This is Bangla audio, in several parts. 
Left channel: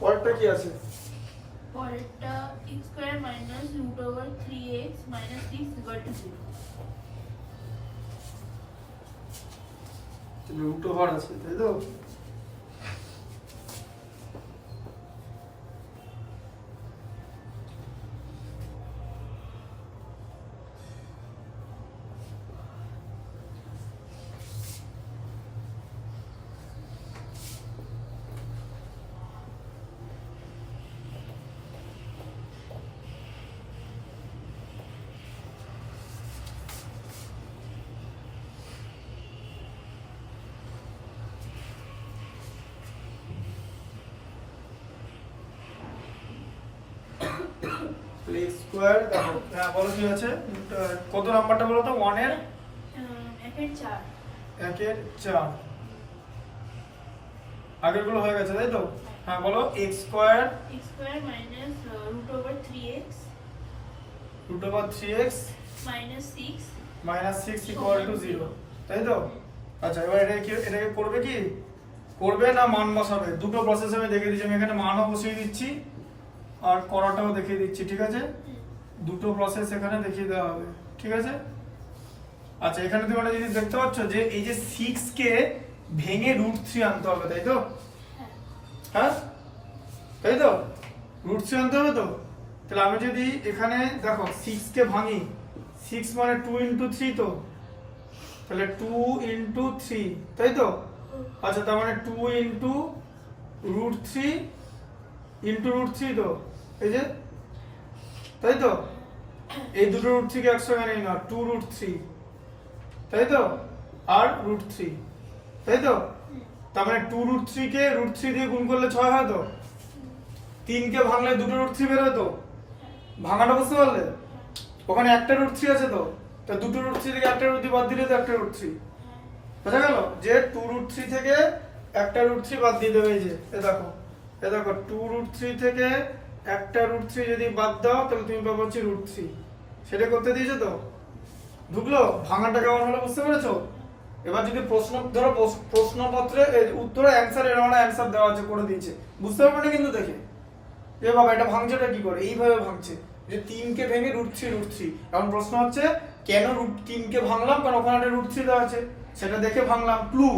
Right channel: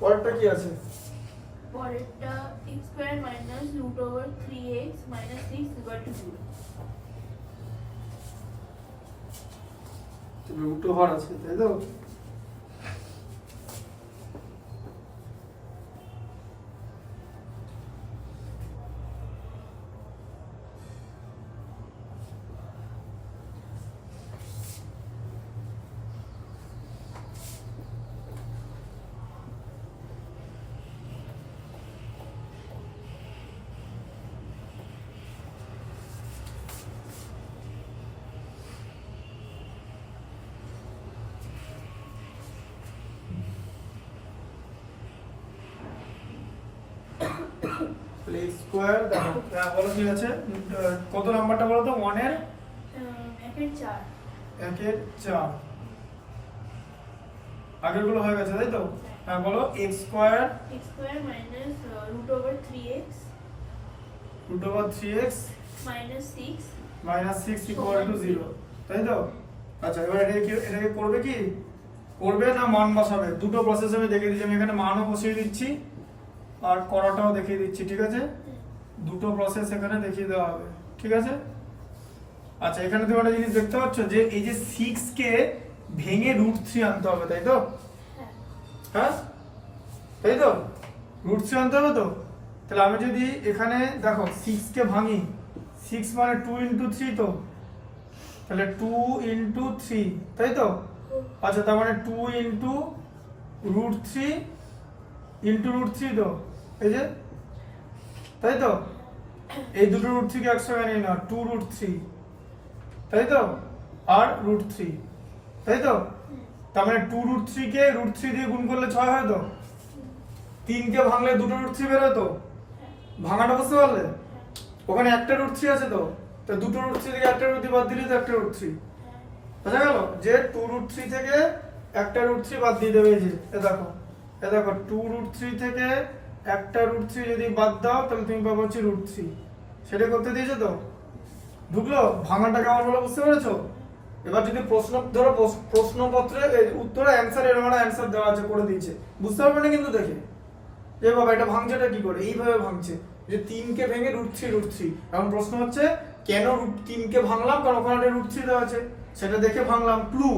পরেরটা কি আছে? পরেরটা x square minus root over 3x minus 6 equal to 0। Root over আছে, তাই তো? x স্কয়ার দেখো, বলো কি আছে? কত নাম্বারটা বলো তো? 1 এর 1/4। 1/4। আগেরগুলো হয়ে গেছে, তাই তো? হ্যাঁ বলো। x square minus root over 3x minus 6 equal to 0, তাই তো? আচ্ছা, এবার এটাকে করবে কি? করবে না মান বসাবে? দুটো প্রসেস আমি দেখিয়ে দিচ্ছি। আমি এখানে মানও বসিয়ে দিচ্ছি আর করাটাও দেখিয়ে দিচ্ছি, ঠিক আছে? দুটো প্রসেস এখানে দেখিয়ে দেওয়া হবে, ঠিক আছে? আচ্ছা, এখানে তুমি একটা জিনিস দেখতে পাচ্ছ যে এই যে 6 কে ভেঙে √3 আনতে হবে, তাই তো? হ্যাঁ, তাই তো? √3 আনতে হবে তো? তাহলে আমি যদি এখানে দেখো 6 কে ভাঙি, 6 মানে 2 ইন্টু 3 তো, তাহলে 2 ইন্টু 3, তাই তো? আচ্ছা, তার মানে 2 ইন্টু √3 ইন্টু √3 তো, এই যে, তাই তো? এই দুটো √3 কে একসঙ্গে নেই না, 2 √3, তাই তো? আর √3, তাই তো? তার মানে 2 √3 কে √3 দিয়ে গুণ করলে 6 হয় তো? 3 কে ভাঙলে দুটো √3 বের হয় তো? ভাঙাটা বুঝতে পারলে? ওখানে একটা √3 আছে তো, তো দুটো √3 থেকে একটা √3 বাদ দিলে তো একটা √3 বোঝা গেল? যে 2 √3 থেকে একটা √3 বাদ দিয়ে দেবে। এই যে এ দেখো 2 √3 থেকে একটা √3 যদি বাদ দাও তাহলে তুমি পাবো হচ্ছে √3। সেটা করতে দিয়েছো তো? ঢুকলো? ভাঙাটা কেমন হলো বুঝতে পেরেছো? এবার যদি প্রশ্ন ধরো, প্রশ্নপত্রে উত্তরে অ্যানসার এরকম অ্যানসার দেওয়া আছে, করে দিয়েছে, বুঝতে পারবে না কিন্তু দেখে যে বাবা এটা ভাঙছেটা কি করে? এইভাবে ভাঙছে যে 3 কে ভেঙে √3। এখন প্রশ্ন হচ্ছে কেন 3 কে ভাঙলাম? কারণ ওখানে একটা √3 দেওয়া আছে, সেটা দেখে ভাঙলাম। ক্লু,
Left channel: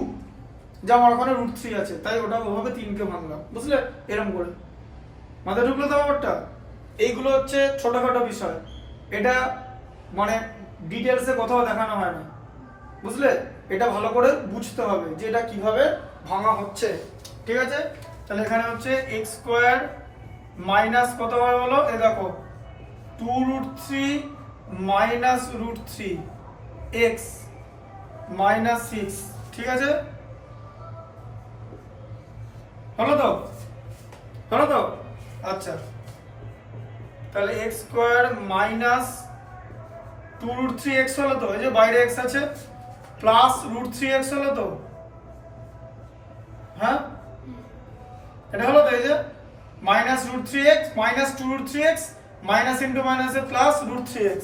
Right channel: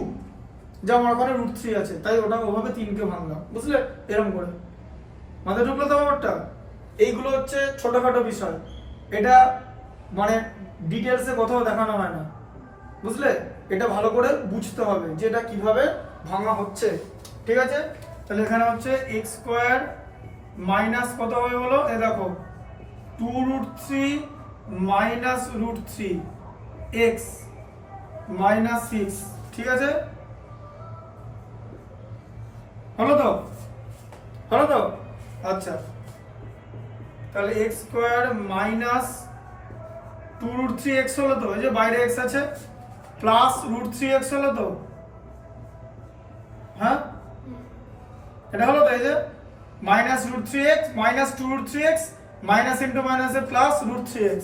যেমন ওখানে √3 আছে তাই ওটা ওভাবে 3 কে ভাঙলাম, বুঝলে? এরকম করে মাথায় ঢুকলো তো ব্যাপারটা? এইগুলো হচ্ছে ছোটখাটো বিষয়, এটা মানে ডিটেলসে কোথাও দেখানো হয় না, বুঝলে? এটা ভালো করে বুঝতে হবে যে এটা কিভাবে ভাঙা হচ্ছে, ঠিক আছে? তাহলে এখানে হচ্ছে x স্কয়ার মাইনাস কত হয় বলো? এই দেখো 2 √3 মাইনাস √3 x মাইনাস 6, ঠিক আছে? হলো তো? হলো তো? আচ্ছা, তাহলে x স্কয়ার মাইনাস 2 √3x হলো তো? এই যে বাইরে x আছে, প্লাস √3x হলো তো? হ্যাঁ, এটা হলো তো? এই যে minus √3x minus 2 √3x minus into মাইনাসে প্লাস √3x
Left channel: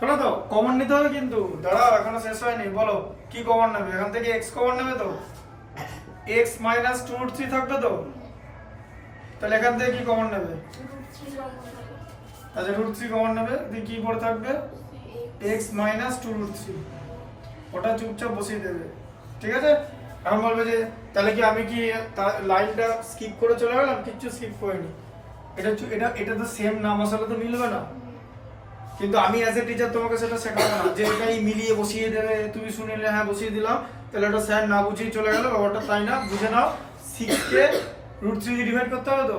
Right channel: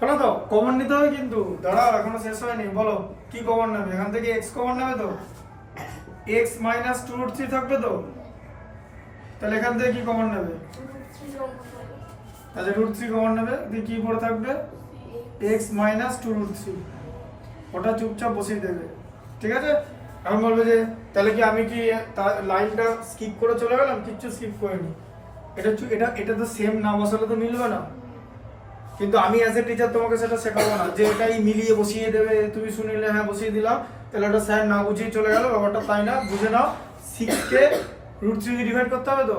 হলো তো? কমন নিতে হবে কিন্তু, দাঁড়াও এখনো শেষ হয়নি। বলো কি কমন নেবে? এখান থেকে x কমন নেবে তো? x মাইনাস 2 √3 থাকবে তো? তাহলে এখান থেকে কি কমন নেবে? আচ্ছা, √3 কমন নেবে, দিয়ে কি পড়ে থাকবে? x মাইনাস 2 √3, ওটা চুপচাপ বসিয়ে দেবে, ঠিক আছে? এখন বলবে যে তাহলে কি আমি কি লাইনটা স্কিপ করে চলে গেলাম? কিচ্ছু স্কিপ করিনি। এটা তো সেম না বসালে তো মিলবে না, কিন্তু আমি অ্যাজ এ টিচার তোমাকে সেটা শেখাবো না যে এটাই মিলিয়ে বসিয়ে দেবে, তুমি শুনিলে হ্যাঁ বসিয়ে দিলাম, তাহলে ওটা স্যার না বুঝিয়ে চলে গেল, ব্যাপারটা তাই না। বুঝে নাও, 6 কে √3 দিয়ে ডিভাইড করতে হবে তো?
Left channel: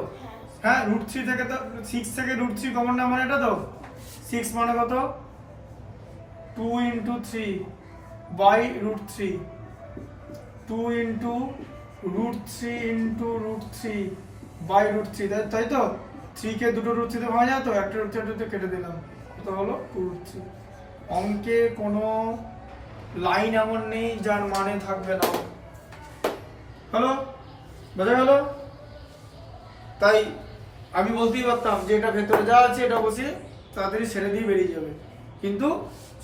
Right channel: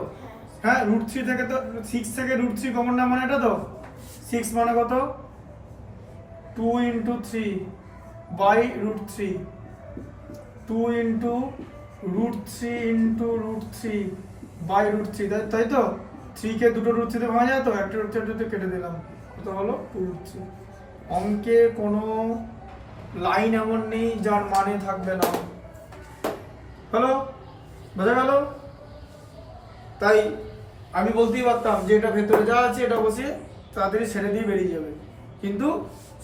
হ্যাঁ, √3 থেকে তো 6 থেকে √3 কমন না, মানে এটা তো 6 মানে কত? 2 into 3 by √3, 2 into √3 into √3 by √3, তাই তো? 3 কে দুটো √3 তে ভাঙা যায় তো? একটা √3 কেটে দিলাম, কত হলো? 2 √3। অঙ্কে কোনো লাইন এমন নেই যার মানে থাকবে না, হলো? বোঝা গেল? তাই আমি বলতেই পারতাম যে এটা ভেতরে যা আছে এটা বসিয়ে তাড়াতাড়ি ছেড়ে দিয়ে বেরিয়ে যাবে, কিন্তু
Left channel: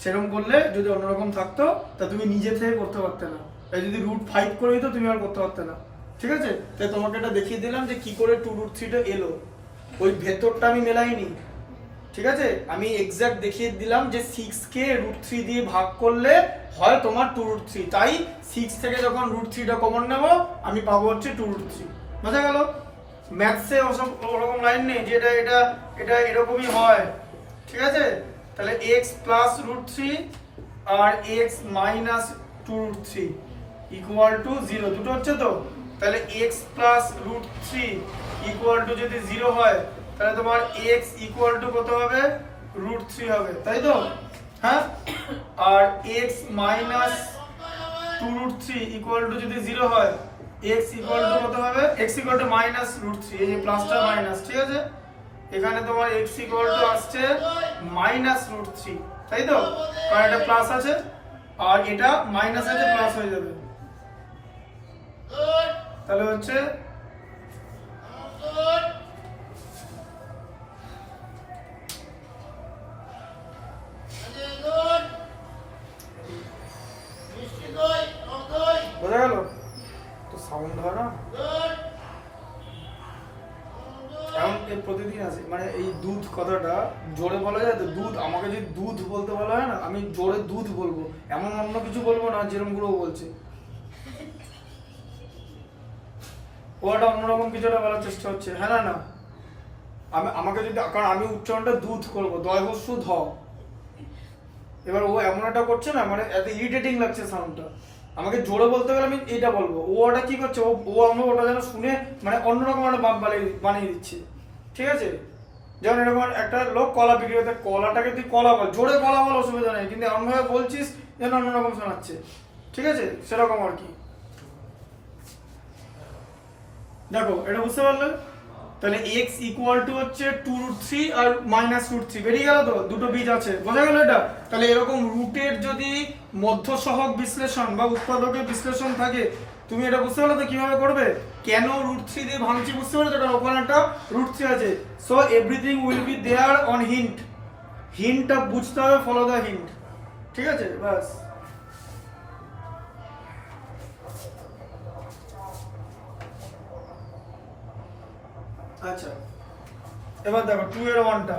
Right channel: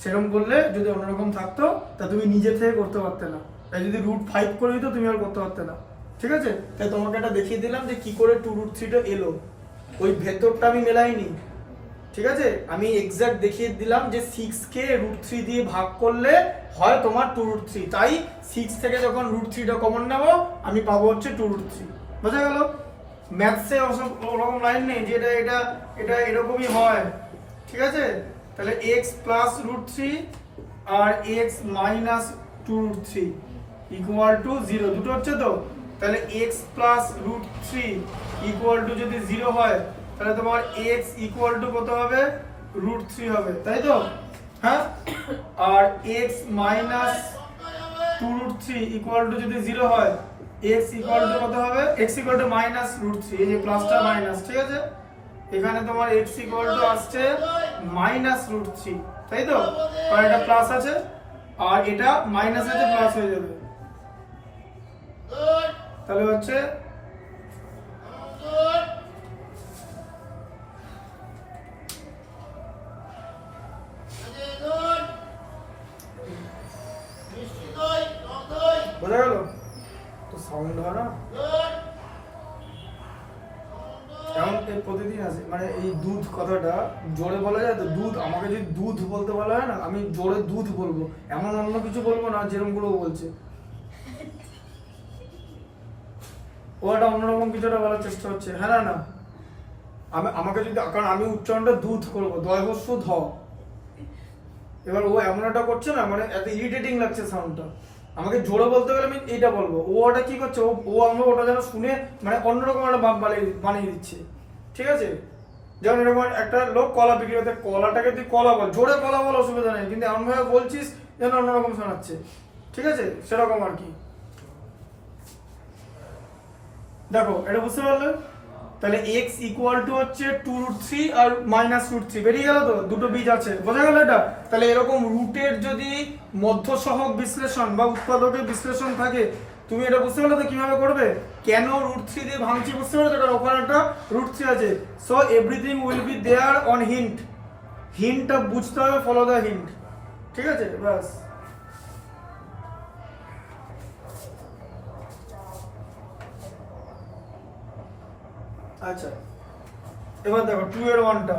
সেরকম করলে যদি অন্যরকম থাকতো তা তুমি নিজে থেকে করতে পারতে না। তাই যদি √5 করে দিত তুমি আর করতে পারতে না। ঠিক আছে? তাই তোমাকে এটা দেখিয়ে দিলাম যে কি করে 2√3 টা এলো, ওই ভেতরটা আমি মেলাইনি, ঠিক আছে? আমি এক্সাক্ট দেখিয়ে দিলাম যে 6 কে √3 দিয়ে ভাগ করলে হয় তোমার 2√3, তাই 6 থেকে যখন √3 টা কমন নেব আমি পাবো হচ্ছে 2√3। বোঝা গেল? ম্যাথসে ওরকম লাইন নেই যে এটা এটা এটা এরকমই হয়, ঠিক আছে? তাহলে x প্লাস √3 আর x মাইনাস 2√3 ইকুয়াল টু 0, দুটো হচ্ছে তো। তাহলে x প্লাস √3 ইকুয়াল টু যদি 0 হয় তাহলে তোমার x ইকুয়াল টু কত হবে? √3 হবে, তাই তো? হ্যাঁ, আর x মাইনাস 2√3 ইকুয়াল টু যদি 0 হয় x ইকুয়াল টু কত হবে? x ইকুয়াল টু মাইনাস √3, এই যে প্লাসটা মাইনাস, ঠিক আছে? এখানে তোমার x ইকুয়াল টু আসছে মাইনাস √3, তাই তো? কারণ এটা প্লাস আছে আর এটা মাইনাস আছে, প্লাস হয়ে যাবে। তাহলে হচ্ছে বোঝা গেল তো? সাউন্ড হয় না এমন প্রতিদিন আছে, মানে এই দুধ কথাটা জোরে বলা যায় তো, দুধ, আমাকে যদি দুধ বলতে বলা হয় না আমি জোরে দুধ বলবো, এমন অন্য কিছু বলবো না যেরকম গুলো বলছে। ও একটা অন্যরকম কিছু একটা বলার চেষ্টা হচ্ছে, হ্যাঁ না না, আমাকে যদি, কারণ আমি উচ্চারণটা দুধ করবো, দয়বস্য ধ, এবার ও এমন একটা করছে না, মানে এত ইরিটেটিং লাগছে সাউন্ডটা, আমাকে জোরে বলতে গেলে আমি এইটা বলবো, ও ওটা কি করছে, ও আমরা ওটা যেন শুনে মানে অন্যরকম একটা ভাব বানিয়ে দিচ্ছে, ঠিক আছে? যেমন এরকম একটা লোক কলা বিক্রি করতে, কলাটাকে তুই কলা বল, জোরে কলা বল, অসুবিধা নেই, কিন্তু এমন ভাবে বলছিস যেন অন্যরকম শোনাচ্ছে, ঠিক আছে? সেরকম আর কি। দেখো এটা বুঝতে পারলে? তাহলে x ইকুয়াল টু হচ্ছে 2√3 আর মাইনাস √3, বেরিয়ে গেল তো, দুটো বীজ আছে, বোঝা গেল এটা? তাহলে এরকম রুটের যদি মধ্যসহগ বিশ্লেষণ বা উৎপাদকের বিশ্লেষণ থাকে, তুমি এটা বুঝতে পারলে তো কিভাবে করবে? কেন √3 দিয়ে ভাঙছি বুঝতে পারলে? কারণ ওখানে একটা √3 আছে, so everything will be there on hint, হিন্টটা বুঝতে হবে, ফলো দ্য হিন্ট, ঠিক আছে? বাস। আচ্ছা, এবার দেখো 2 এর 1টা,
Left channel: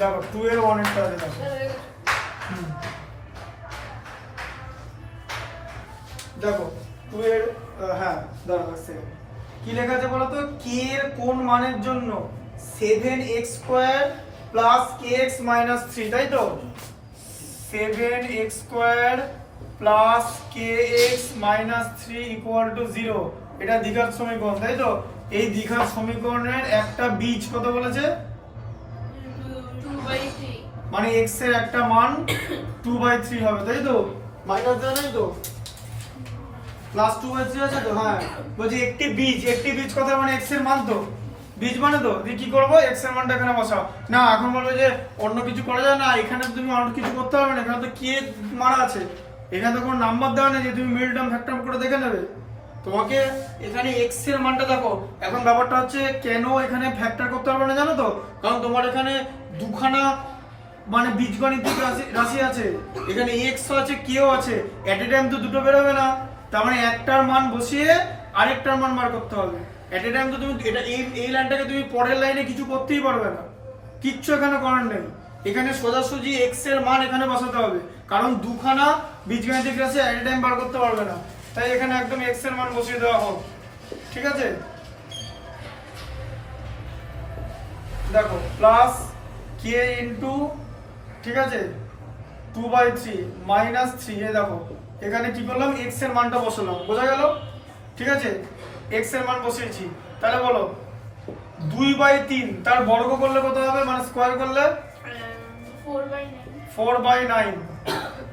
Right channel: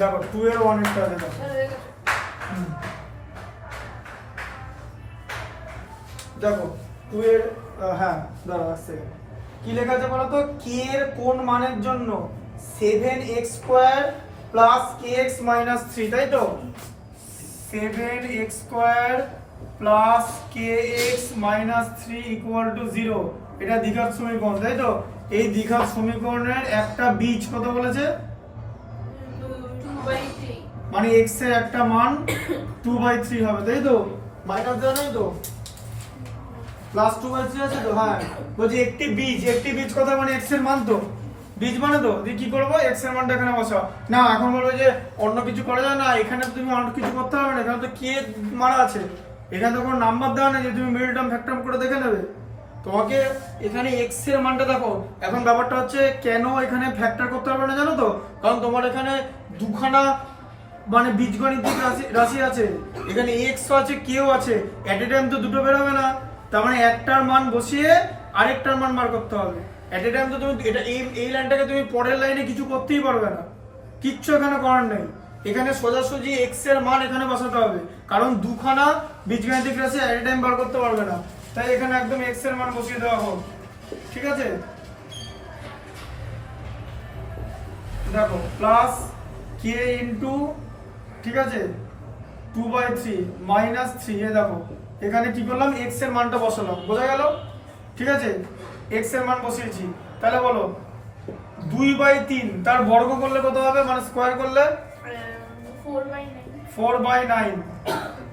দেখো 2 এর 1 এরটা দেখো, দেখো 2 এর, হ্যাঁ দাঁড়াও আসছে, কি লেখা আছে বলো তো? k এর কোন মানের জন্য 7x² প্লাস kx মাইনাস 3, তাই তো? 7x² plus kx minus 3 equal to 0, এটা দ্বিঘাত সমীকরণ, তাই তো? এই দ্বিঘাত সমীকরণের একটা বীজ কত বলেছে? 2/3, মানে x এর একটা মান 2/3 হবে, তাই তো? মাইনাস দেওয়া নেই তো, প্লাস 2/3 আছে তো? হ্যাঁ, বলছি একটি বীজ কথা মানে x এর মান তো, বীজ মানে তো, দিয়ে কি করবো? x এর মানটা এখানে বসাও না, এখন বলবো যে অন্য কিছু করা যাবে না, এখানে তুমি অন্য কিছু করতে হবে না, এখানে তো k মারা আছে, এখানে তো কোনো নাম্বার দেওয়া নেই যে তুমি মিডল টার্ম ফ্যাক্টর করে দেখে নেবে, তোমাকে এখানে x এর মানটা দেখো। এখন ব্যাপারটা হচ্ছে কেন এখানে ফ্যাক্টর করতে পারবে না জানো তো? কারণ তোমার এখানে দুখানা মানে বীজগণিতিক রাশি আছে, এখানে x আছে k আছে, এট এ টাইম তো দুটো বেরোবে না, তার মানে একটার মান বসিয়ে আরেকটার মান বার করতে হবে, এট এ টাইম তো তুমি এটা এই লাইনটাকে তুমি পরের লাইনে কিছু করতেই পারবে না, কিচ্ছু এখানে করার নেই, এখানে সোজাসুজি x এর মান এখানে বসাতে হবে, কারণ দুখানা বীজগণিতিক রাশি এট এ টাইম বার করতে পারবে না, তাই এখানে একদম x এর মান বসিয়ে দেওয়া হোক, ঠিক আছে? দেখো প্লাস k ইনটু, ঠিক আছে, 2/3 মাইনাস 3, এই দেখো এখানে কি করলাম? x এর মানটা বসালাম, বোঝা গেল? ঠিক আছে, x এর মান বসিয়েছি, তাহলে বলো 2/3 তার বর্গ করলে কত হবে, মানে স্কয়ার করলে 4/9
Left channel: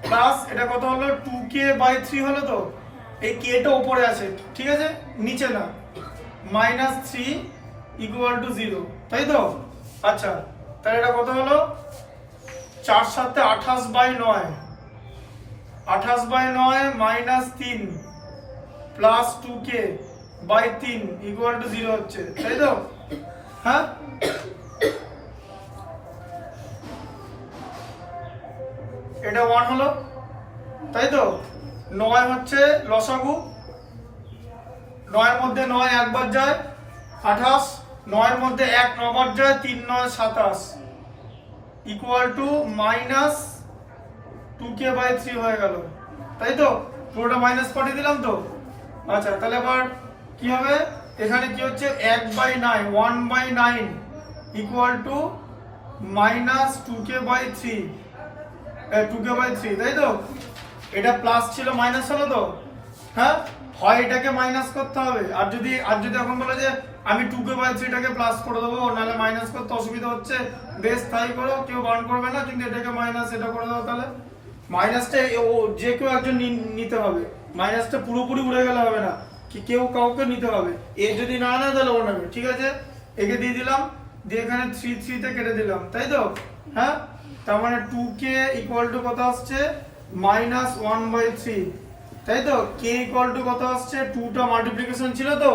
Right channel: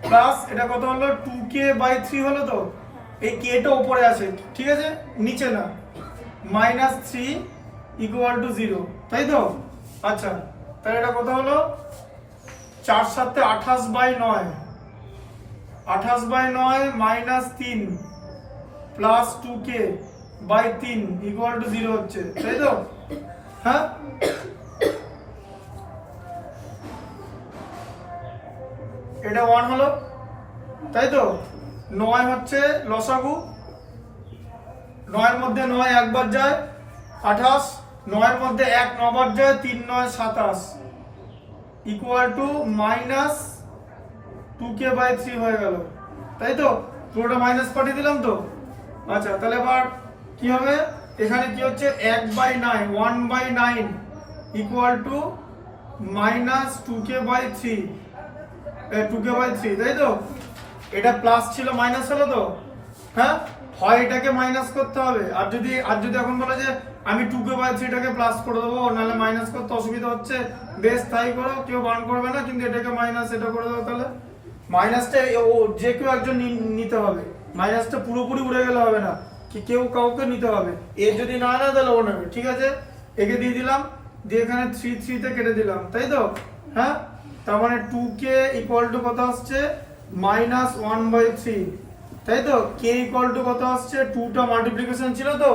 প্লাস এটা কত হলো? 2k/3 হলো তো, এই k টা উপরে আছে, ঠিক আছে, নিচে না, -3 = 0, তাই তো? আচ্ছা তাহলে এটা কত হলো 4 7 28/9 28/9 minus 3 plus 2k by 3 equal to 0 হচ্ছে তাই তো হ্যাঁ এটা 1 হলো তাই তো 9 হচ্ছে লসাগু 9 এর মধ্যে 9 একবার যায় 28 9 এর মধ্যে 1 9 বার যায় 3 9 27 equal to minus 2k by 3 হয়ে গেল তাই তো পুরোটা মাইনাস পাঠিয়ে দিলাম তো আচ্ছা তাহলে আবার কি হবে এখানে কি হচ্ছে 1/9 1/9 equal to minus 2k by 3 2k by 3 তাই তো এটা প্লাস ছিল মাইনাস হলো তো হ্যাঁ হয় এটাকে মাইনাস করতে হবে আর যদি এখন বলে যে আমি 2k বাই 3 টাকে প্লাস করে দেবো নাহলে মাইনাস করতে অসুবিধা হচ্ছে বেশ তাই করো কেউ বান করবে না কিন্তু এটাকে মাইনাস এটা করে দাও তাহলে মাইনাসটা ও যে কেউ একজন নিতে হবে মাইনাসটা পুরোপুরি উড়ে গেলে হবে না কি কেউ কাউকে নিতে হবে এ যদি না নেয় তাহলে ও নেবে ঠিক আছে একে দিয়ে দিলাম দিয়ে এখানে 3 3 তে কেটে দিলাম তাই তো হ্যাঁ তার মানে 2k ইকুয়াল টু কত আসছে মাইনাস 1/3 তাই তো k ইকুয়াল টু কত আসছে 2টা মাল্টিপ্লিকেশন ছিল তো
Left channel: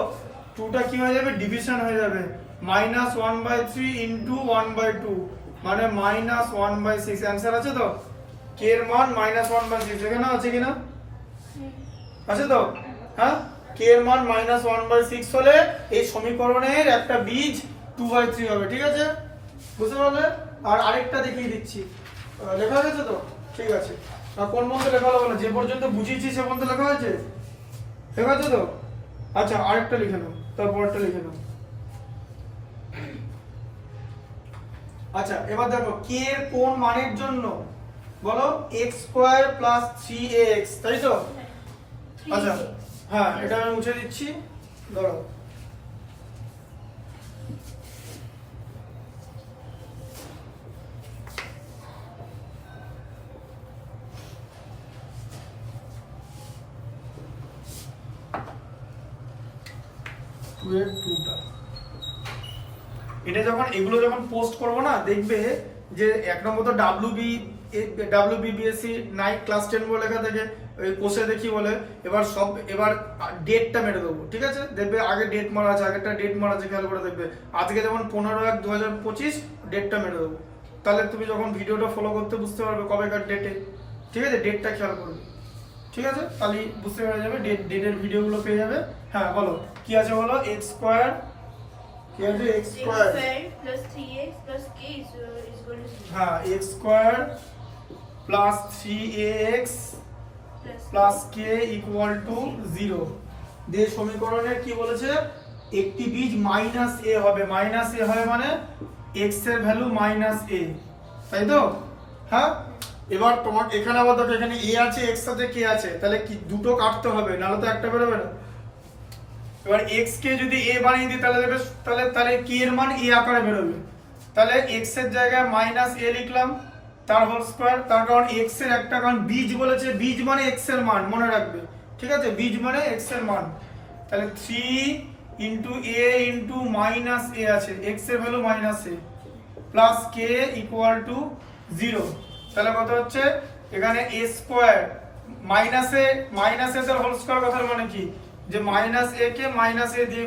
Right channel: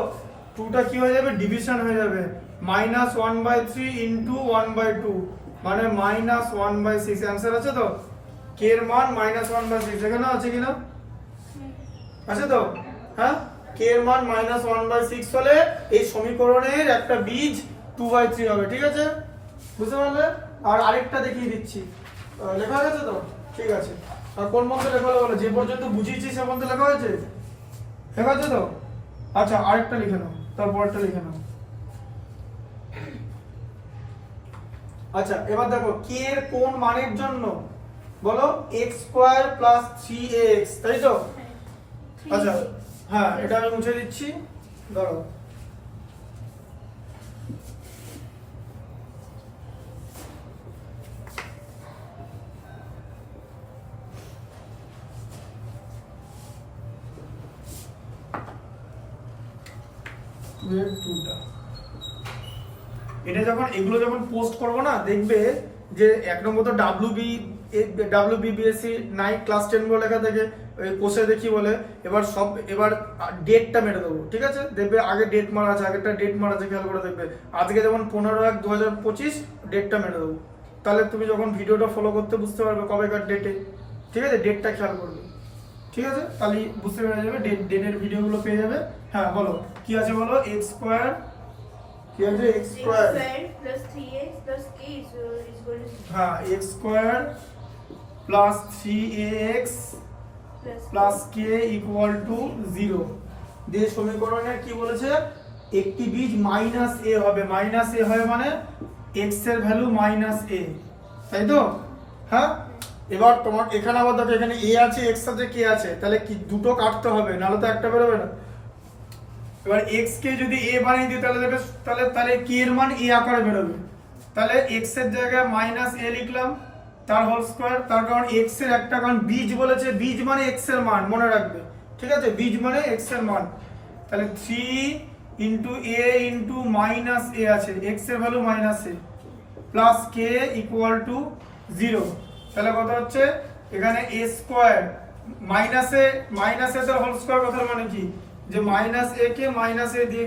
2টা কি হয়ে যাবে ডিভিশন হয়ে যাবে মাইনাস 1/3 ইন্টু 1/2 মানে মাইনাস 1/6 অ্যান্সার আছে তো k এর মান মাইনাস 1/6 এখানে আছে কিনা আছে তো হ্যাঁ k এর মান মাইনাস 1/6 হলে এই সমীকরণের একটা বীজ 2/3 হবে ঠিক আছে বুঝতে পারলে আর আরেকটা দেখিয়ে দিচ্ছি লেখা আছে তো ঠিক আছে আর কোন মন্ত্রে লেখা হলো বলো যে পর্যন্ত বুঝিয়েছি সে পর্যন্ত লেখা হয়েছে লেখা আছে তো আচ্ছা আরেকটা লিখে নাও তারপরটা লিখে নাও আচ্ছা এবার দেখো k এর কোন মানের জন্য বলো x² + 3ax তাই তো আচ্ছা হ্যাঁ এটা আমি মুছে দিচ্ছি দাঁড়াও এটা যখন এগুলো যখন পোস্ট করব না দেখবে যে এক নম্বর তো WBBSC নাইট ক্লাস 10 বলে লেখা থাকে ওই কোষে দেখি বলে এবার ডেটটা মেরে দেবো ঠিক আছে দেখবে আগে ডেট মারা আছে আগেরটা ডেট মারা আছে খেয়াল করে দেখবে আজকে যেমন 15/1/2025 ডেটটা মেরে দেবো তাহলে তুমি যখন ভিডিওটা ফলো করতে বুঝতে পারবে কবেকার ডেটে ঠিক আছে ডেটটা খেয়াল করবে ঠিক আছে তাহলে বুঝতে পেরে যাবে ডেটের ভিডিওগুলো পেয়ে যাবে হ্যাঁ বলো কি আছে বলো x² কি আছে x² plus 3x plus k is equal to 0. হ্যাঁ x² plus 3ax plus k equal to 0 দিয়ে সমীকরণের কি বলেছে একটি বীজ মাইনাস a হবে মাইনাস a হবে মানে x এর ভ্যালু মাইনাস a তাই তো হ্যাঁ এবার তোমার এখানে আবার দেখো এখানে a আছে x সাথে k আছে তাহলে কি দুটো কাটতে হবে নাহলে তো একটা বেরোবে না এবার x কে যদি a বানিয়ে দিই তাহলে দেখবে তাহলে k এর মান a আকারে বেরোবে তাহলে x এর জায়গায় মাইনাস a লিখলাম তার হোল স্কয়ার তার কারণ x এর একটা কারণ বীজ বলেছে বীজ মানে x এর মান মনে রাখবে ঠিক আছে বীজ মানে x এর মান তাহলে 3 into a into minus a আছে x এর value minus a plus k equal to 0 তাহলে কত হচ্ছে এখানে a স্কয়ার মাইনাসে তার হোল স্কয়ার কথার মানে কি যে minus a K minus a দিয়ে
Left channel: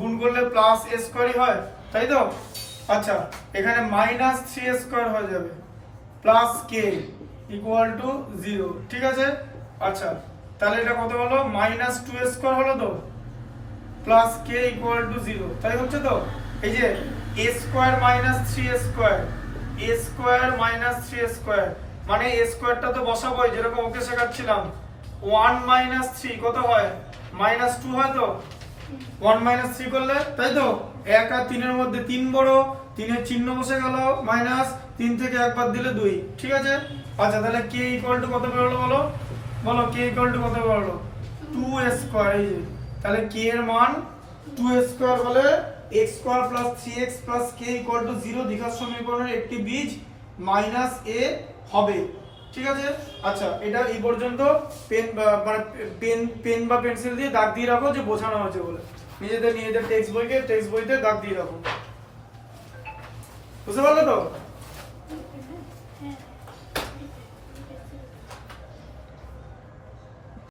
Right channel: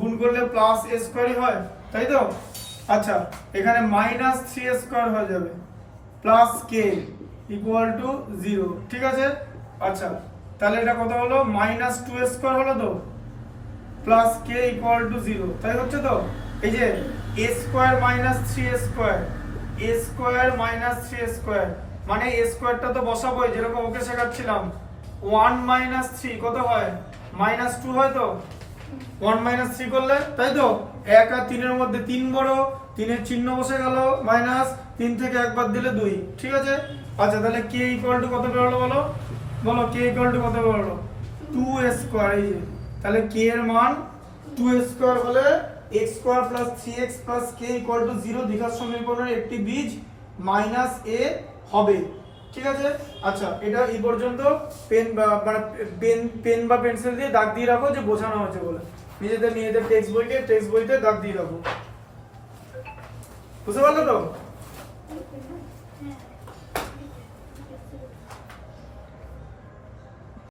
গুণ করলে প্লাস a স্কয়ারই হয় তাই তো আচ্ছা এখানে মাইনাস 3a স্কয়ার হয়ে যাবে প্লাস k ইকুয়াল টু 0 ঠিক আছে আচ্ছা তাহলে এটা কত হলো মাইনাস 2a স্কয়ার হলো তো প্লাস k ইকুয়াল টু 0 তাই হচ্ছে তো এই যে a square minus 3a square a square minus 3a square মানে a স্কয়ারটা তো বসাবোই যেরকম ওকে শেখাচ্ছিলাম 1 মাইনাস 3 কত হয় মাইনাস 2 হয় তো 1 মাইনাস 3 করলে তাই তো 1 আর 3 এর মধ্যে 3 বড় 3 এর চিহ্ন বসে গেল মাইনাস 3 থেকে একবার দিলে 2 ঠিক আছে আচ্ছা তাহলে k ইকুয়াল টু কত বের হলো বলো k ইকুয়াল টু কত বের হলো 2a স্কয়ার এই যে তাহলে k এর মান 2a স্কয়ার হলে x square plus 3x plus k equal to 0 দ্বিঘাত সমীকরণের একটি বীজ মাইনাস a হবে ঠিক আছে আচ্ছা এটা এই পর্যন্ত পেন বা পেন্সিল দিয়ে দাগ দিয়ে রাখো যে বোঝানো হয়েছে বলে নিজেদের টেক্সট বইতে দাগ দিয়ে রাখো বুঝতে পারলে তো? হ্যাঁ